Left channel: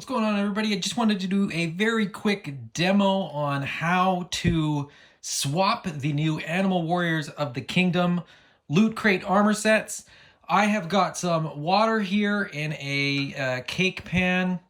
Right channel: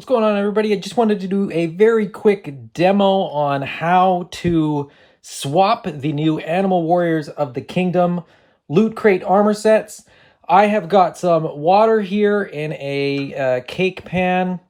What's going on, everybody? I just wanted to do a very quick demo on how to swap the new Animal Warriors of the Kingdom Loot Crate armor sets. I have got some water here in a cake pan.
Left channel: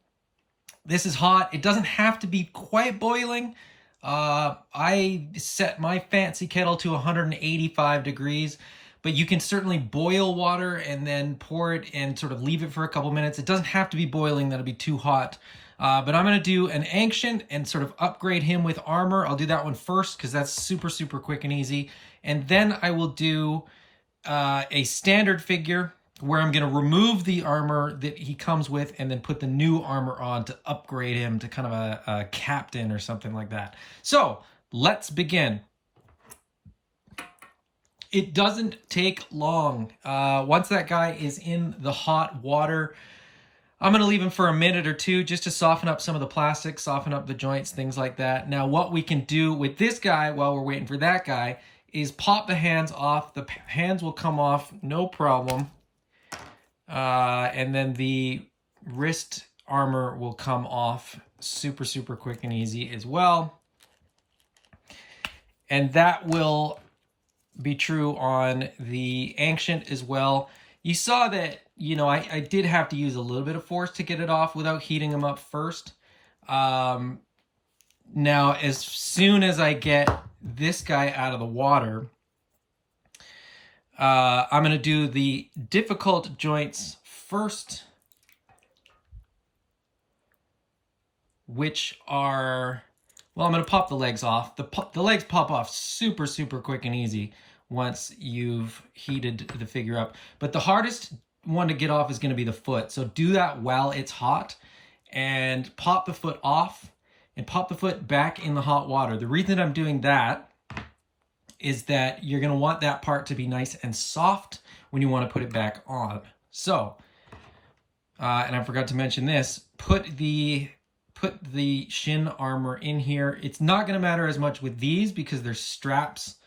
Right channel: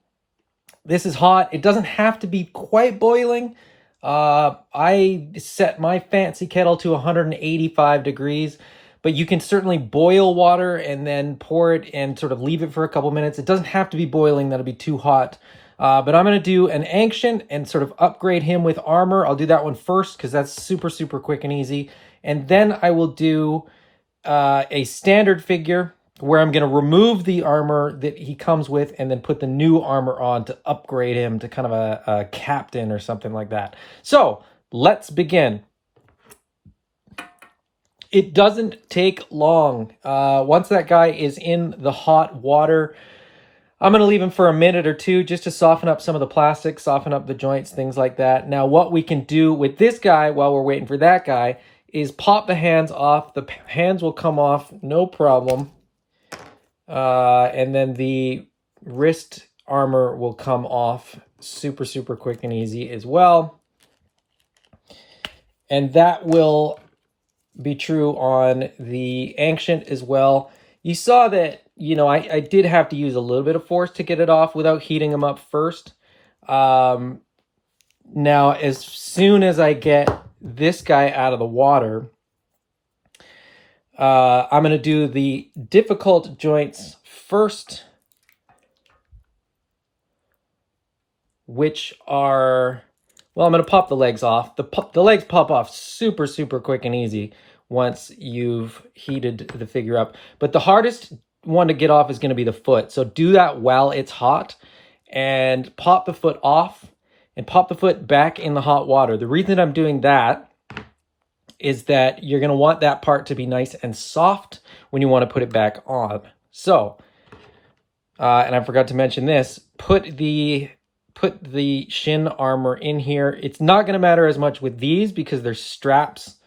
This is hot. It doesn't have to be quite boiling. I set my fancy kettle to 185 degrees, but you can certainly boil water and then pour it and sort of leave it for a couple minutes. It doesn't have to be boiling. That'll be too hot. But I'm going to do an ancient and sort of upgrade him with armor. I'll do that one first because that's super quick and easy. And then I will do a standard figure where I'm going to remove the armor that he comes with and then put the new armor on to upgrade him to kind of a captain or something like that. So let's begin. It doesn't take long. Once that guy is in the hot water, I'm going to leave him for a minute or two just to soften up some of the plastic, soften up the joints, things like that. Now, what we can do with this guy while we're waiting for that guy is pop the hands off. The hands will come off, no problem. And then the wrist armor will come off super quick and easy as well. And that will be true on the Ancient as well. You saw that, you know, I did have to use a little bit of force to get it off without heating them up first. Now, as soon as I get this guy out of the water, I'm going to do the difficult joints first, which are, well, I'm going to pop the legs off. The legs pop off super quick and easy once you've heated the figure up. But the hardest one to get off is going to be the foot. So do that while it's hot and pop the foot off and pop the foot back in the hot water. The reason that I'm doing that is that you're going to want that part to be nice and soft when you want to put it back on. So, and I forgot to mention this, put the shin armor in here. It's not going to matter as much with these because they're straps,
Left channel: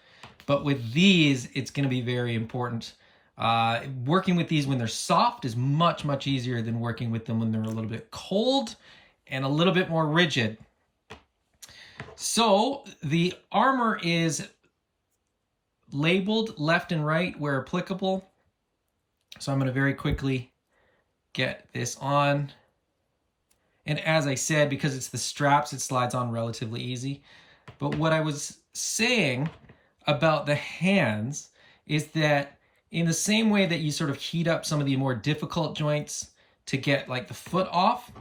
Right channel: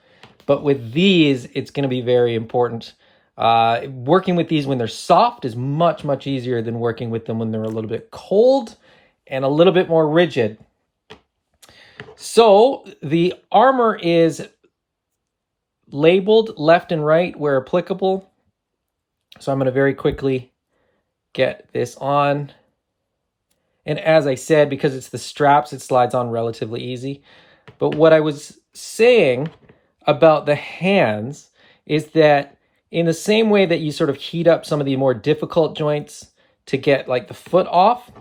but with these, it's going to be very important. Working with these when they're soft is much easier than working with them when they're a little bit cold and a little bit more rigid. So the armor is labeled left and right where applicable. So I'm going to very quickly get this on. And as I said, because it's the straps, it slides on relatively easy. But what I was saying about the hands is that in the same way that you sort of heat up some of the more difficult joints to get like the foot off,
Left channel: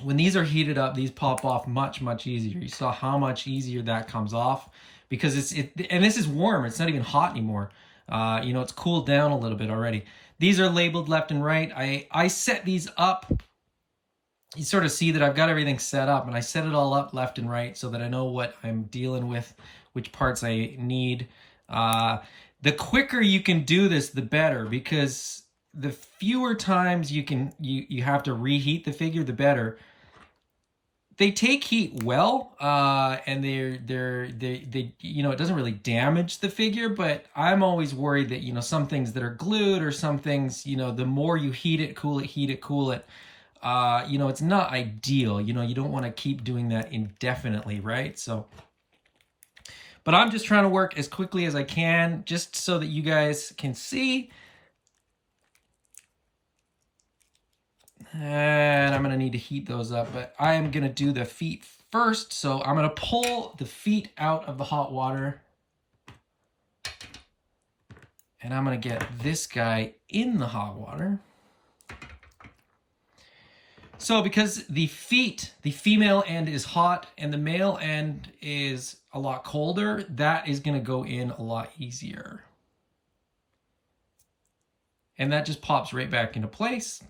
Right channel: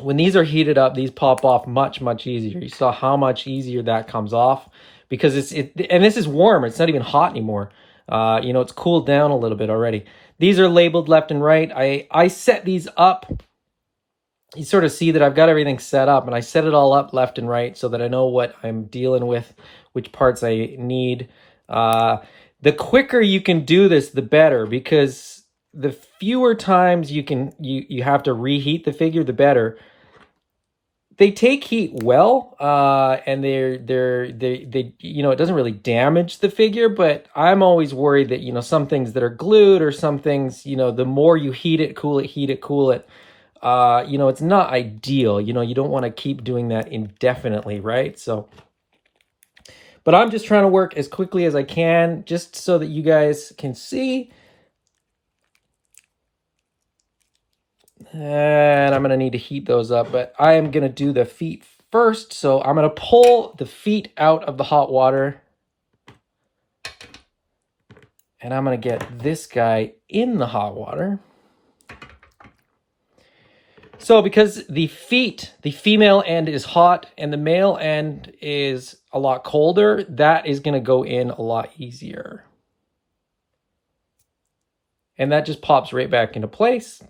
when these are heated up, these pop off much easier. You saw how much easier that comes off because and this is warm. It's not even hot anymore. You know, it's cooled down a little bit already. These are labeled left and right. I set these up. You sort of see that I've got everything set up and I set it all up left and right so that I know what I'm dealing with, which parts I need. The quicker you can do this, the better, because the fewer times you have to reheat the figure, the better. They take heat well, and they you know, it doesn't really damage the figure, but I'm always worried that, you know, some things that are glued or some things, you know, the more you heat it, cool it, you know, it's not ideal. You know, you don't want to keep doing that indefinitely, right? So, but I'm just trying to work as quickly as I can just so that you guys can see. And I'm going to need to heat those up, but I am going to do the feet first. So I'm going to pull the feet out of the hot water. And I'm going to get this guy in the hot water. So because the feet, the female end is hot and the male end is a lot colder, that is going to go in a lot easier. And that just pops right back into place.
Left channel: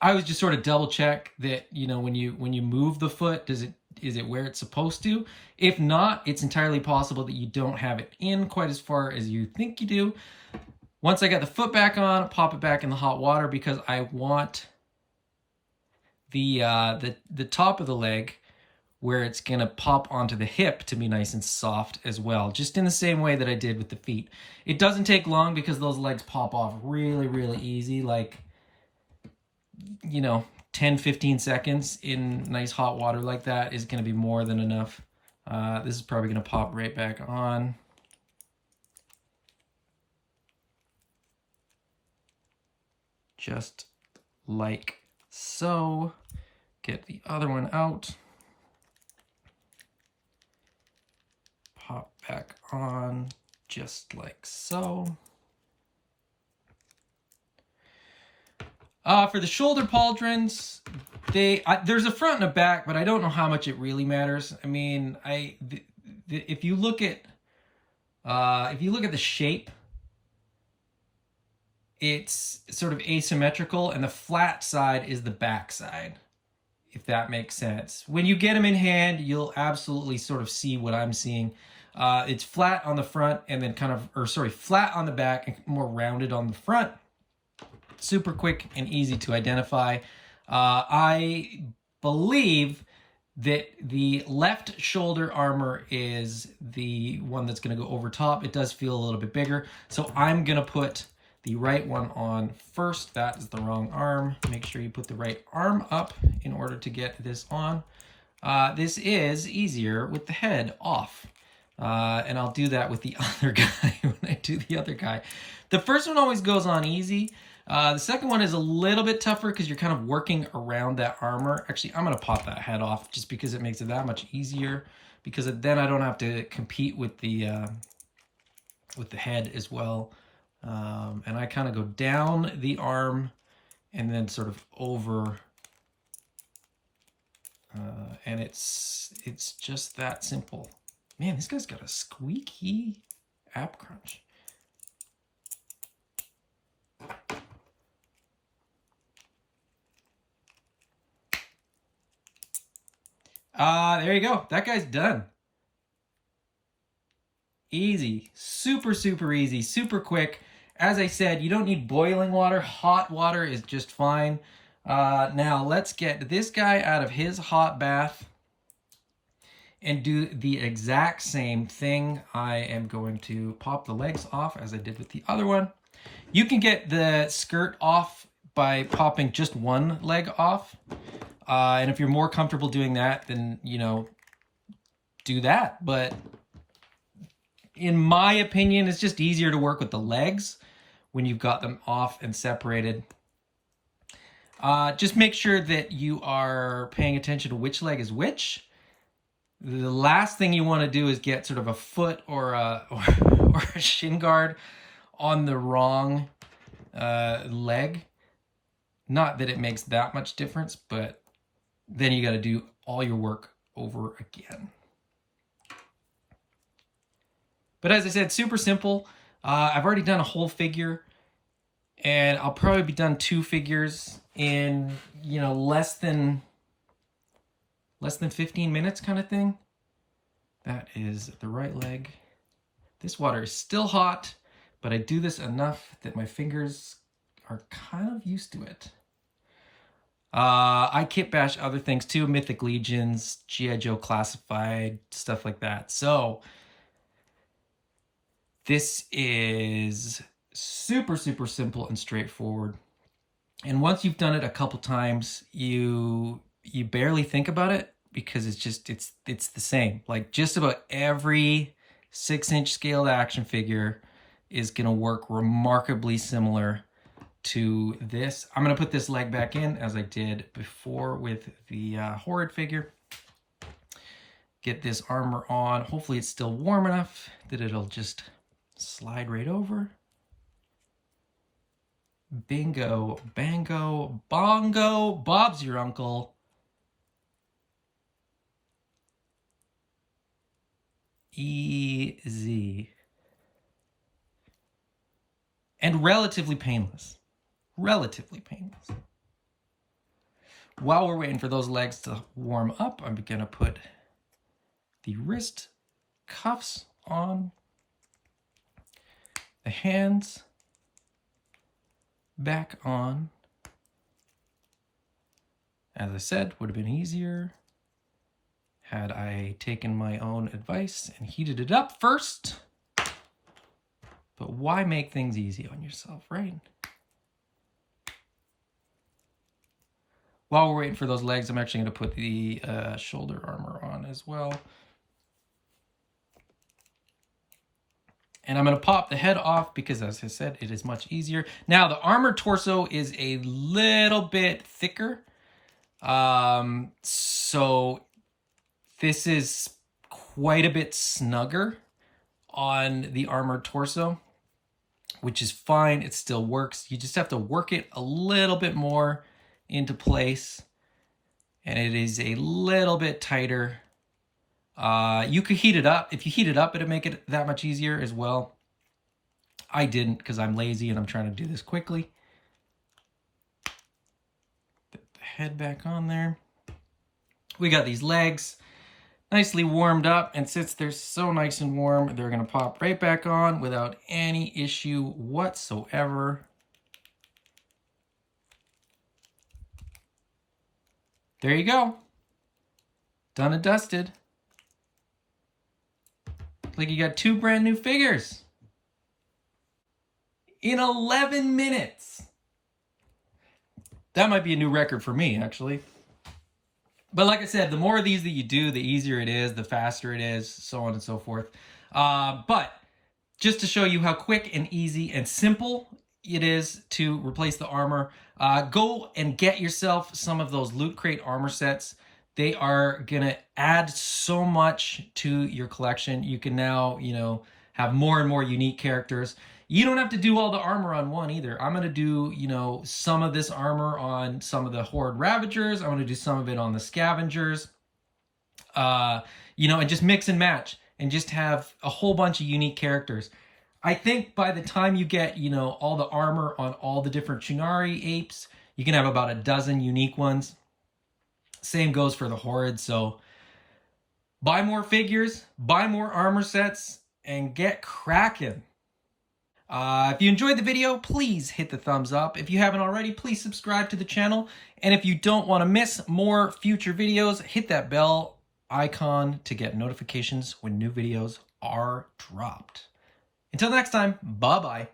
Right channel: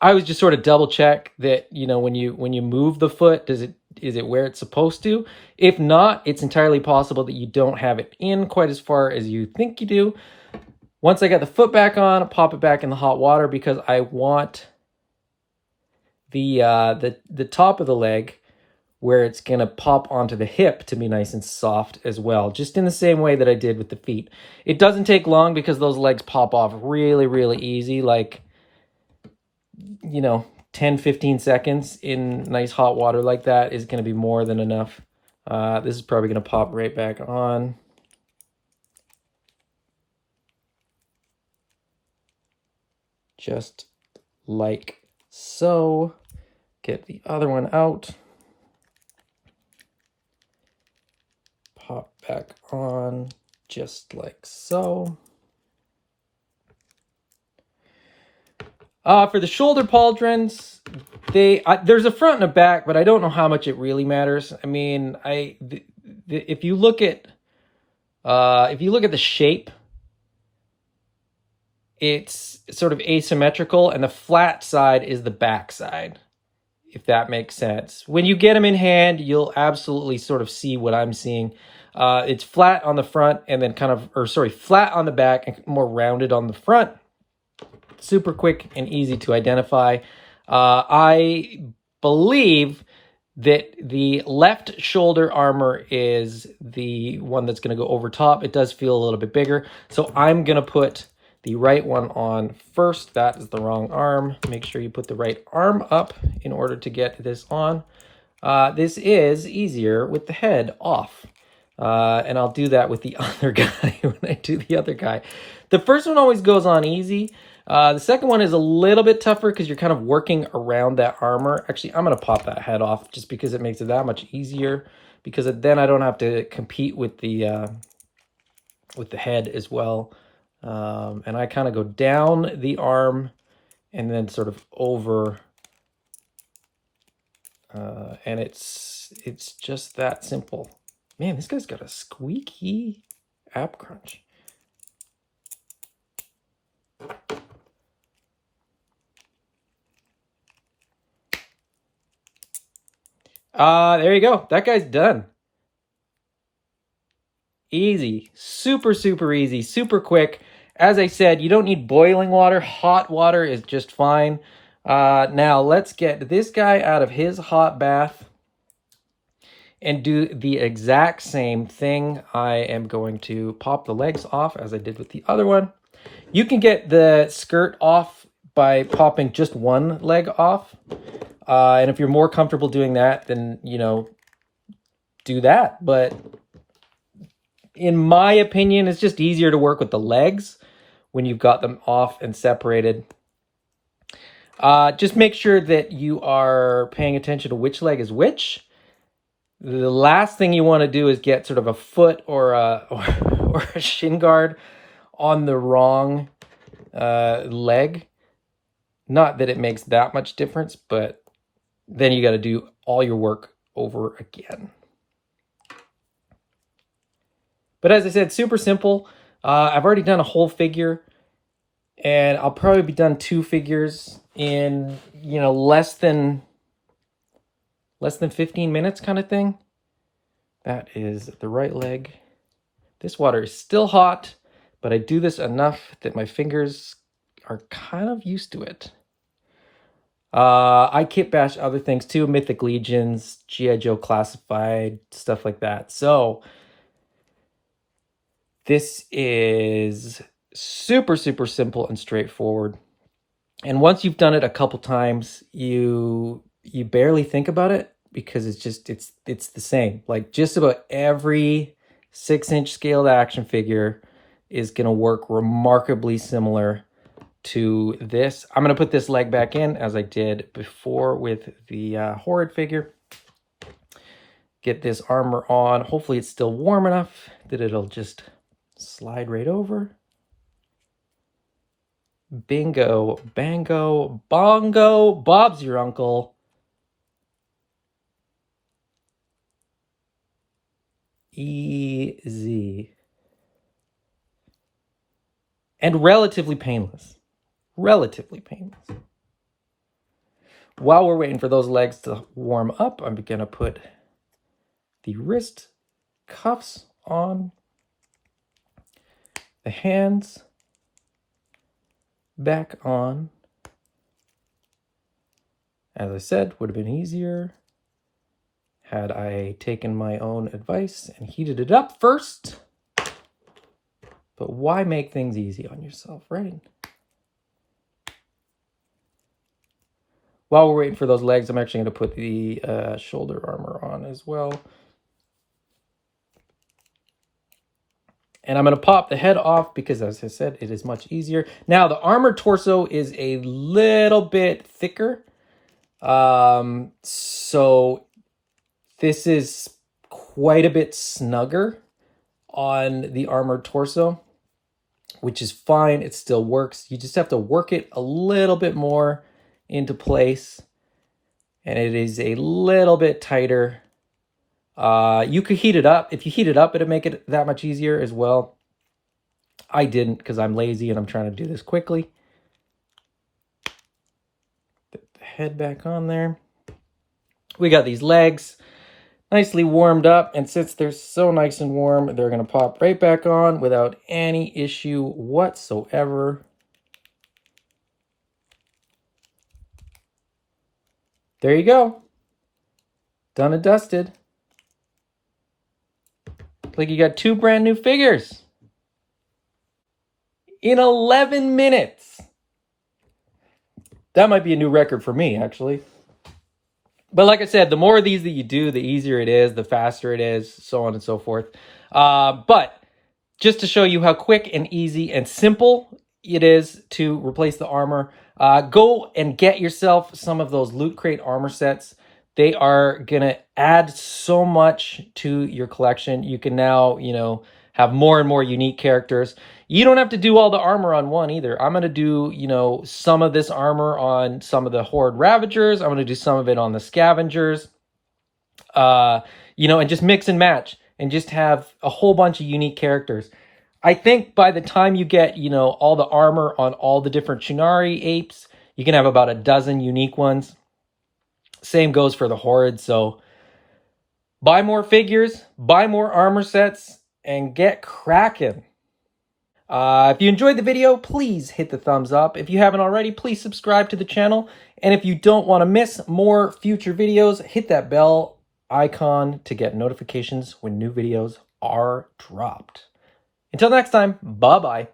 I was just sort of double check that, you know, when you move the foot, is it where it's supposed to? If not, it's entirely possible that you don't have it in quite as far as you think you do. Once I got the foot back on, pop it back in the hot water because I want the top of the leg where it's gonna pop onto the hip to be nice and soft as well, just in the same way that I did with the feet. It doesn't take long because those legs pop off really easy, like, you know, 10-15 seconds in nice hot water like that is going to be more than enough. This is probably going to pop right back on. Just like so. Get the other one out. Pop back on just like so. For the shoulder pauldrons, there's a front and a back, but I don't know how much it really matters. I mean, if you look at the shape, it's sort of asymmetrical, and the flat side is the back side, if that makes sense. When you get them in hand, you'll absolutely sort of see what I'm seeing. It's flat on the front and then flat on the back and more rounded on the front. Super quick and easy to identify. I believe that the left shoulder armor is the one that's going to go over top. It does feel a little bit bigger. So I'm going to put the right one on first. That is the wrong arm. Make sure you put the right arm up in order to get this on. This is easier with the head off. And I'll do that with the other guy when I do the other guy. The first one always goes on easy. The second one is a little bit tougher because you're kind of working around that armor. Actually, I'm going to pop that head off just because it makes it that much easier, because then I don't have to compete with the head as well. And I kind of go down the arm and then sort of over. And it's just that simple. Man, this guy's got a squeaky app crunch. There you go. That guy's done. Easy. Super, super easy. Super quick. As I said, you don't need boiling water. Hot water is just fine. Now, let's get this guy out of his hot bath and do the exact same thing. I am going to pop the legs off as I did with the other one. You can get the skirt off by popping just one leg off. And if you're more comfortable doing that, then, do that. But in my opinion, it's just easier to work with the legs when you've got them off and separated. Just make sure that you are paying attention to which leg is which. The last thing you want to do is get sort of a foot or a shin guard on the wrong leg. Not that it makes that much difference, but then you got to do all your work over again. But as I said, super simple. I've already done a whole figure, and I'll probably be done 2 figures in, less than 15 minutes kind of thing. That is the right leg. This water is still hot, but I do this enough that my fingers are kind of used to it. I kit bash other things too, Mythic Legions, G.I. Joe Classified, stuff like that. So this is super, super simple and straightforward. And once you've done it a couple times, you barely think about it, because it's the same. Like, just about every 6-inch scaled action figure is going to work remarkably similar to this. I'm going to put this leg back in as I did before with the Horrid figure. Get this armor on. Hopefully it's still warm enough that it'll just slide right over. Bingo, bango, bongo, Bob's your uncle. Easy. And relatively painless. Relatively painless. While we're waiting for those legs to warm up, I'm going to put the wrist cuffs on. The hands back on. As I said, would have been easier had I taken my own advice and heated it up first. But why make things easy on yourself, right? while we're waiting for those legs, I'm actually going to put the shoulder armor on as well. And I'm going to pop the head off because, as I said, it is much easier. Now, the armor torso is a little bit thicker. So this is quite a bit snugger on the armored torso, which is fine. It still works. You just have to work it a little bit more into place. And it is a little bit tighter. You could heat it up. If you heat it up, it'll make it that much easier as well. I didn't because I'm lazy and I'm trying to do this quickly. Put the head back on there. We got these legs nicely warmed up, and since they're so nice and warm, they're going to pop right back on without any issue whatsoever. There you go. Done and dusted. Like you got 2 brand new figures in 11 minutes. That might be a new record for me, actually. But like I said, the more of these that you do, the easier it is, the faster it is, so on and so forth. But just to show you how quick and easy and simple it is to replace the armor, go and get yourself some of those Loot Crate armor sets. They are going to add so much to your collection. You can now, have more and more unique characters. You don't have to do all the armor on one either. I'm going to do, some of this armor on some of the Horde Ravagers. I'm going to do some of it on the Scavengers, and just mix and match and just have a whole bunch of unique characters. I think by the time you get, all the armor on all the different Chunari apes, you can have about a dozen unique ones. Same goes for the Horde. So buy more figures, buy more armor sets, and get cracking. If you enjoyed the video, please hit the thumbs up. If you haven't already, please subscribe to the channel. And if you don't want to miss more future videos, hit that bell icon to get notifications when new videos are dropped. Until next time, bye-bye.